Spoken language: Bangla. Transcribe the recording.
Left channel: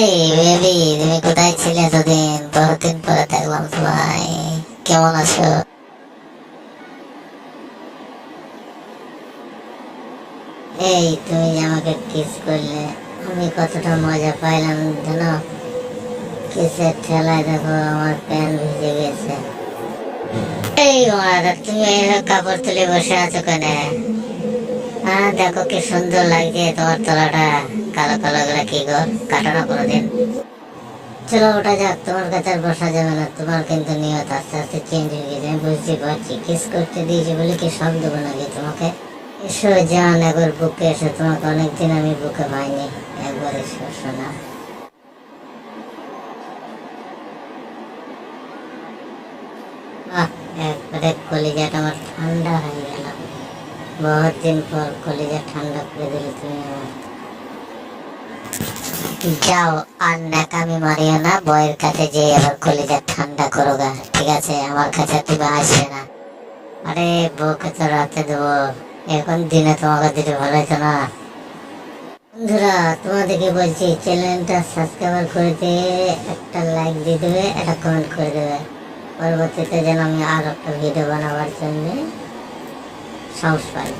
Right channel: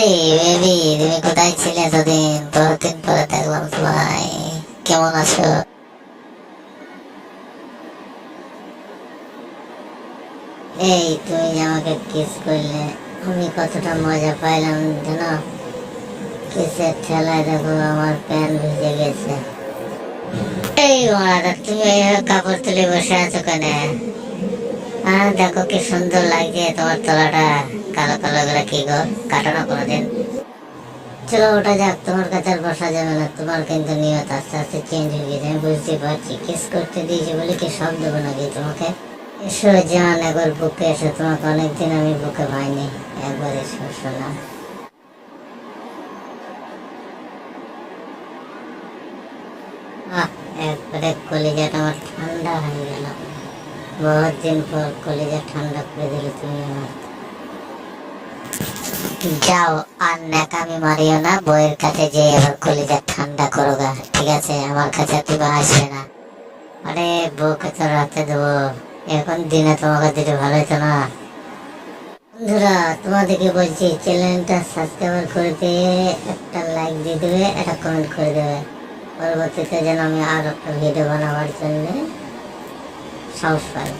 এই বেবি তুমি কোথায় ছিলে এতদিন? বহুদিন পরে দেখলাম তোমায়। কেমন আছো? এই, তুমি আমাকে কিস করলে, আমি কতটা মজা পাইলাম, জানো? কিসের ঠেলায় দেখো, আমার প্যান্ট ভিজে গেছে। এই মারা তুমি কাপড় তুলে বসে আছো কেন? হ্যাঁ দেখো কি সুন্দর লাগছে তোমার তলাটা। কালো কালো গুলো কি গো? কাটো না কোনোদিন। চলো, ওটা যাক, তোমার কাছে আর বসা যাবে না। তোমার কিন্তু নিয়ত আস্তে আস্তে চেঞ্জ হয়ে গেছে, আমি বুঝতে পারছি। কিস করতে দিয়েছি বলে কি সব দেবো নাকি তোমাকে? এসো জান একবার বুকে এসো, তোমাকে অনেকদিন আমি বুকে পাইনি। একবার এসো শোনা একবারে কলিজাটা আমার ঠান্ডা হয়ে গেল। বহুত দিন পর কলিজা ঠান্ডা করে দিলে তুমি আমার যাও, আর ন্যাকামি মারিও না, বইয়ের কাছে যে এবার কলিজা ঠান্ডা করো গা, ঠিক আছে? আমার কাছে তুমি আসবে না। আরে, বউকে তো রাতে দেবো। এখন দিনে তোমাকে দিলে ভালো হতো না। বন্ধুরা, তোমাদেরকে বলছি, চ্যানেলটা সাবস্ক্রাইব করে দিয়ে একটা লাইক দিয়ে দেবে, একটা কমেন্ট করে দেবে। পরবর্তীতে যেন আমি আর একটা ভিডিও বানাবার জন্য সাহস পাই।